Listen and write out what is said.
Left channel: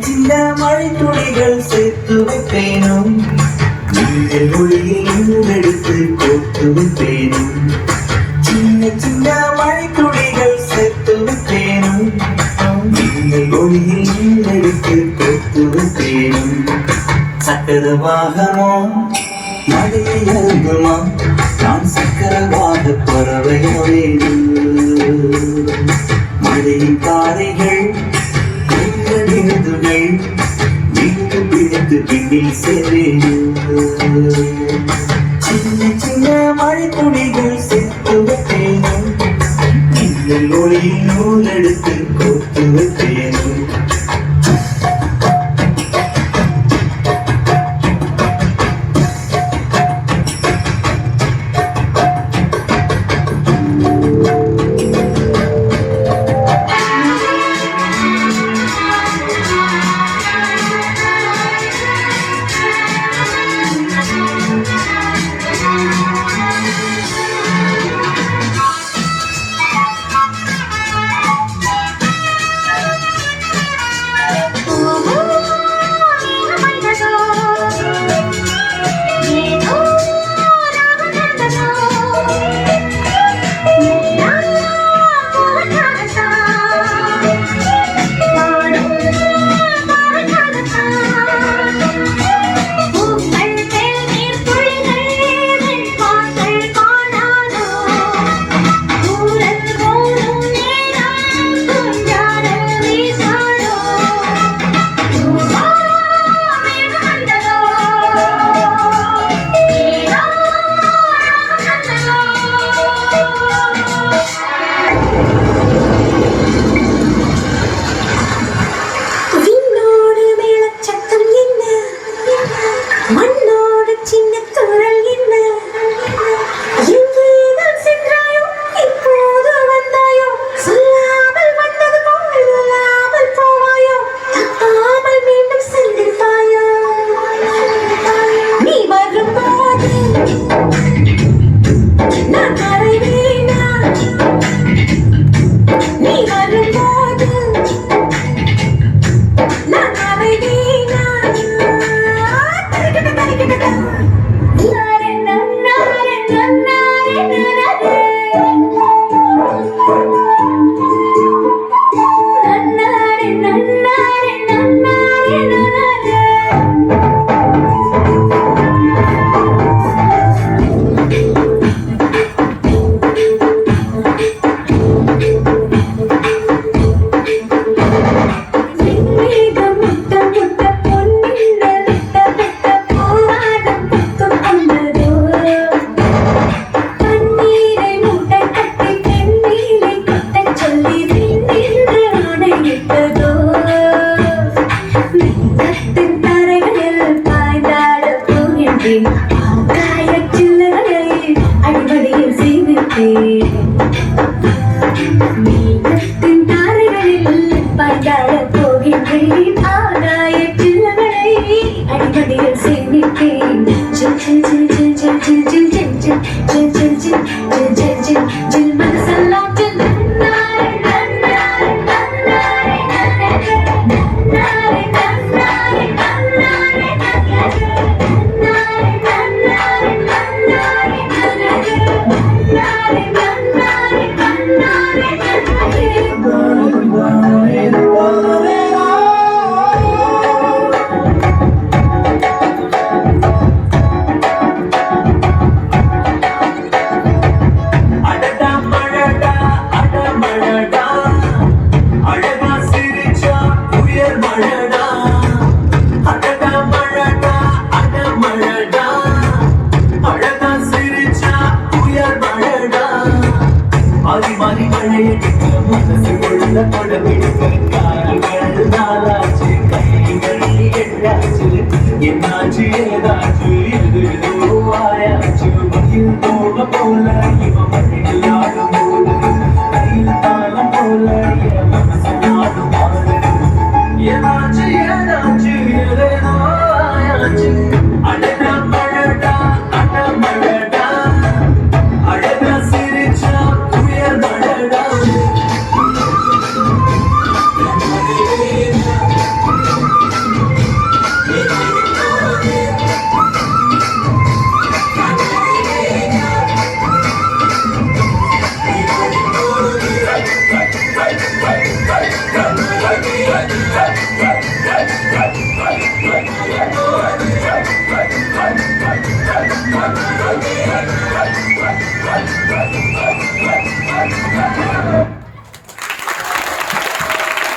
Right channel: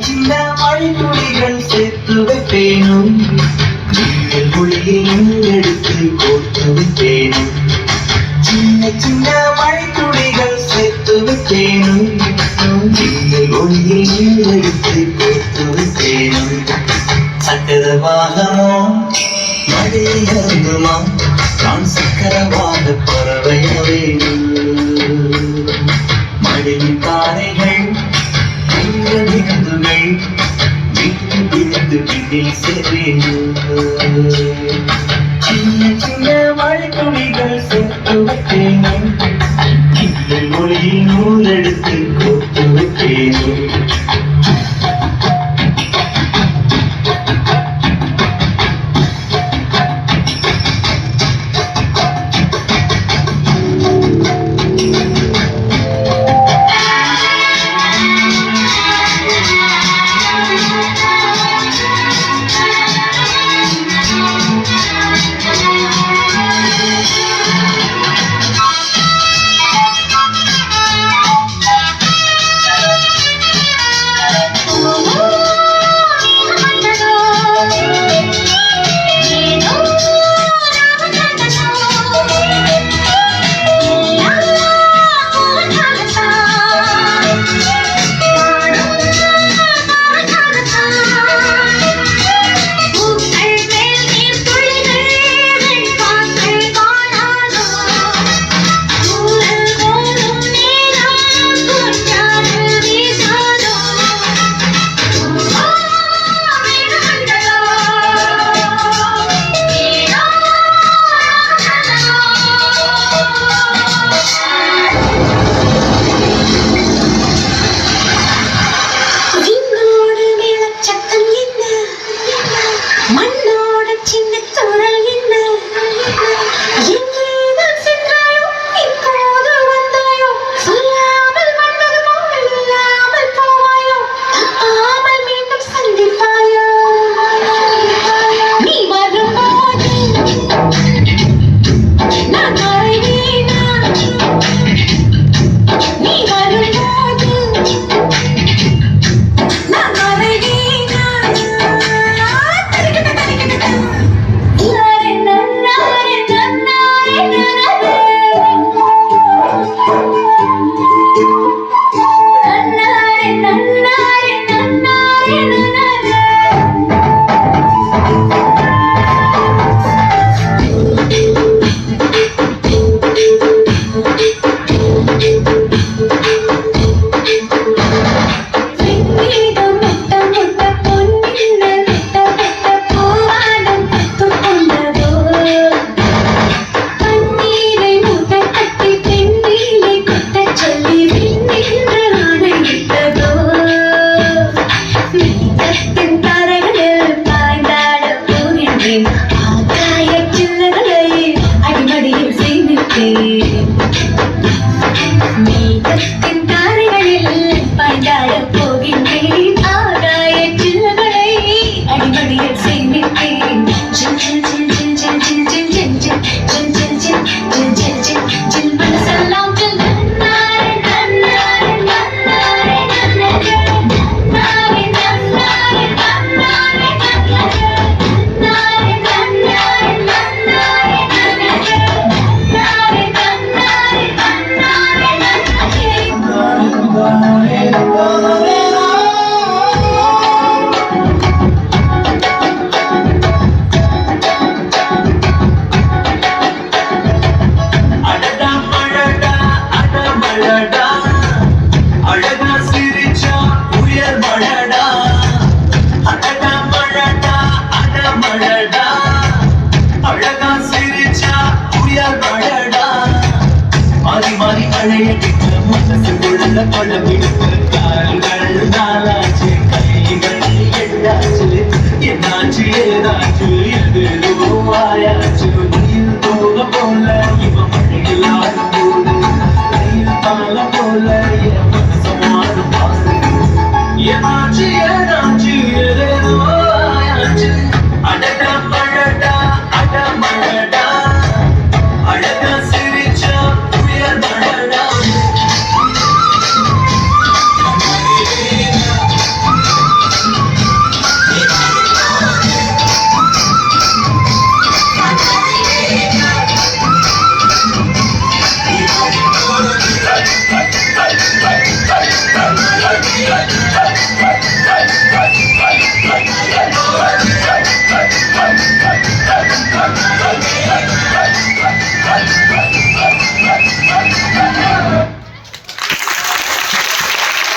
சின்ன மழை துளிகள் சேர்த்து வைப்பேனும் நீங்கள் ஒளியில் எடுத்து கோர்த்து வைப்பேனும் சின்ன சின்ன மழை துளிகள் சேர்த்து வைப்பேனும் நீங்கள் ஒளியில் எடுத்து கோர்த்து வைப்பேனும் சக்கரவாகமோ மழையை அருந்துமா நான் சக்கரவாக பறவைய வேண்டும் மழையின் பாறைகள் விழுதுகள் வீட்டு பிடித்து பின்னில் சேர்வேண்டும் சின்ன சின்ன மழை துளிகள் சேர்த்து வைப்பேனும் நீங்கள் ஒளியில் நூல் எடுத்து கோர்த்து வைப்பேனும் மேகத்தின் தாரைகளில் பாய்ந்தாடப் போகின்றேன் ஆகாய சில்லகளை அடிமடியில் சேமித்தேன் ஜில் ஜில் ஜில் ஜில் ஜில் ஜில் ஜில் ஜில் ஜில் ஜில் ஜில் ஜில் ஜில் ஜில் ஜில் மனசெல்லாம் ஜில் என்னாச்சு ஏதாச்சு எது ஆயாச்சு மயில் போக போல இவன் மழையில் ஆடும் போது கையில் தாளம் போல என் மனசம் ஆடும் பாரு ஏமாச்சு ஏதாச்சு எதேனோ ஆயாச்சு அடடா மழடா அட மழடா அழகா சிரிச்சா உயர் மழடா